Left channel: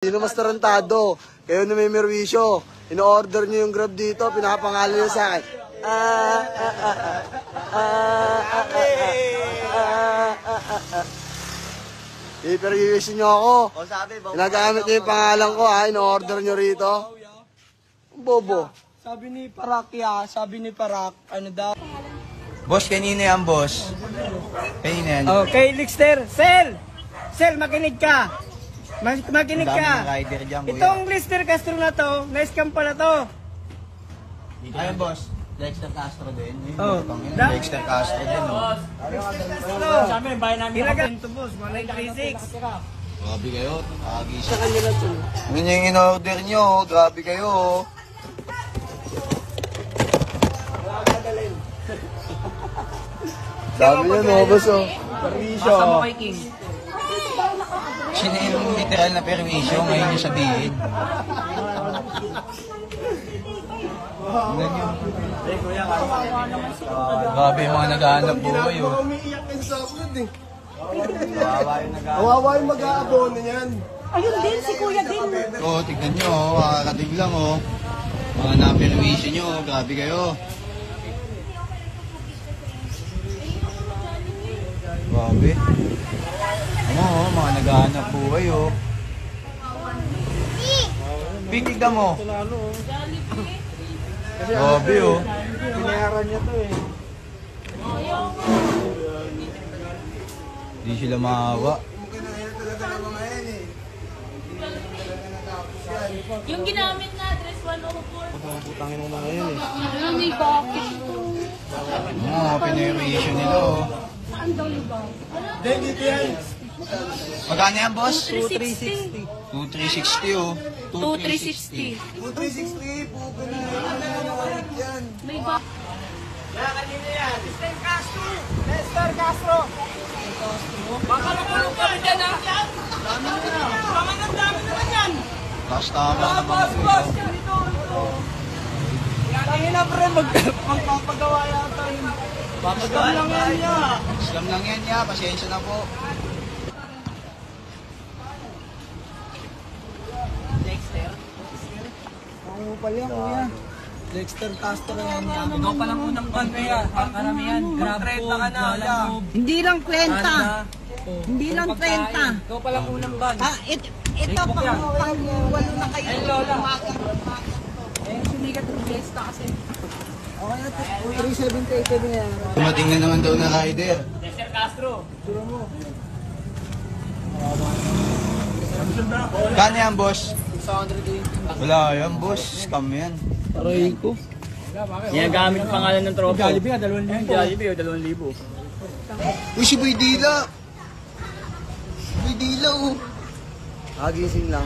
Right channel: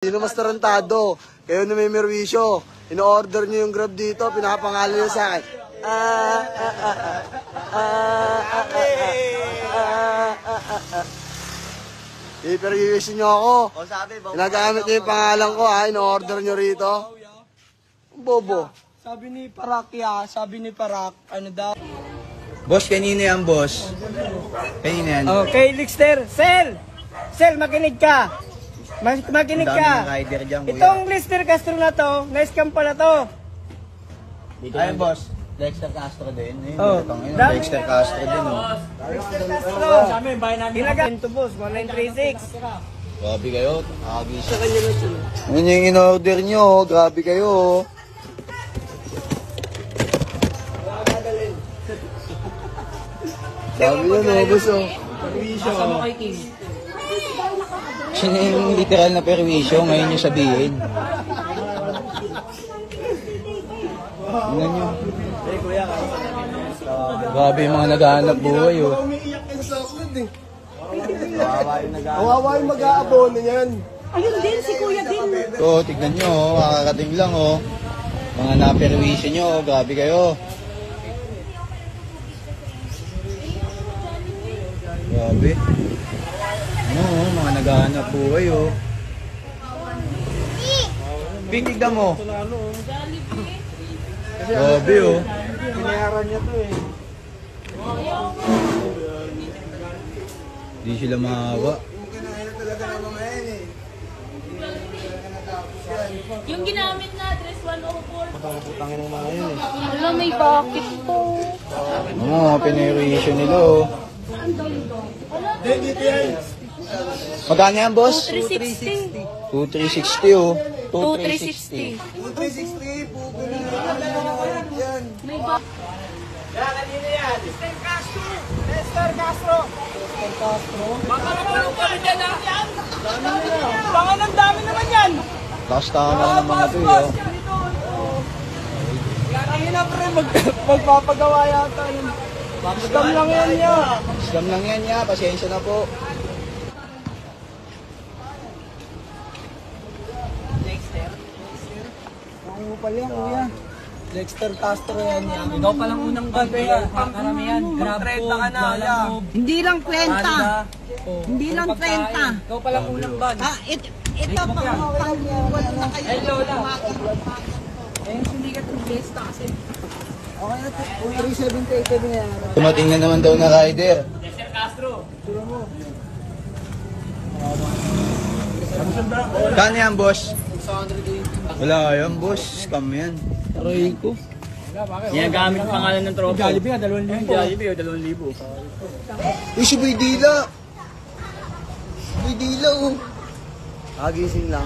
Sino mas tarantado? Kayo na may merwisyo. Ino-order nyo yung Grab dito, pinapangalan nyo sa akin. I-perwisyo nyo ako. Ginagamit nyo yung pangalan ko ha, ino-order nyo rito. Bobo. Sabi ni Parak sabi ni Parak, ano daw? Boss, kanina yan, boss. Kanina yan. Okay, Lickster. Sel, makinig ka. Makinig ka. Rider dyan, Itong Lickster Castro na to, na-scam pala to. Ayun, boss. Dexter Castro din. Oh. Dexter Castro din, oh. Sabi, bayan namin. Ilagan to, boss. 1936. Grabe kayo. Sa kanya na ito. Yun yung in-order nyo, oh. Grabe kayo, oh. Dami yun, oh, boss, oh. Perwisyo. Asa mo kay King? Sino yung literal na permission na yung sabihin? Grabe yung mga naghahanap buhay, oh. Umiiyak ka sa sakot, eh. Awawa yung mag-aabono niyan. Ayun din, si Kuya din. Ito, tignan nyo, oh. Makakating lang, oh. Mga na-permission nyo, oh. Grabe kayo. Grabe. Ano, oh, mga naghahanap buhay, oh. Tignan mo. Grabe, oh. Pinayaran niya to eh. Di sila maawa. Yung ginamit na address 104. Putangin ng mga yun, eh. Ano, may bakit to? Ano, mga permission nila, oh. Saan daw yung bang? Dito yan. Magkano yan, boss? 360. 2360, oh. 2360. 360, pupo na yan. May ba? Lickster Castro. Baka nakulong kami dyan, ha? Baka ng dami naman yan. Last tama naman ito, oh. Tangin na, pre. Magpapagawa yata yun. Papagawa lang yan niya. Scam lang yan, ya. Pasensya na po. Ano pala yan, kuya? Dexter Castro yan. Ikaw palang unang ban, kuya. Pangkaramihan. Grab ko, Lalamove. Hindi lang 30. Hindi lang 30. Ikaw palang unang ban. Ito pang wala na kayo. Eh, Lola. Eh, yung sumikat ng fiesta kasi. Okay na, 378 na yan. Tumating na naman daw na rider. Dexter Castro. Sura mo. Kano yan, boss? 680. Wala yan, boss. Scam yan. Aray ko. Ginagamit ang pangalan ng tropa. Jollibee, 2,000. Jollibee, 2,000. Uy, si Boy Dila. Boy Dila, oh. Kagising lang.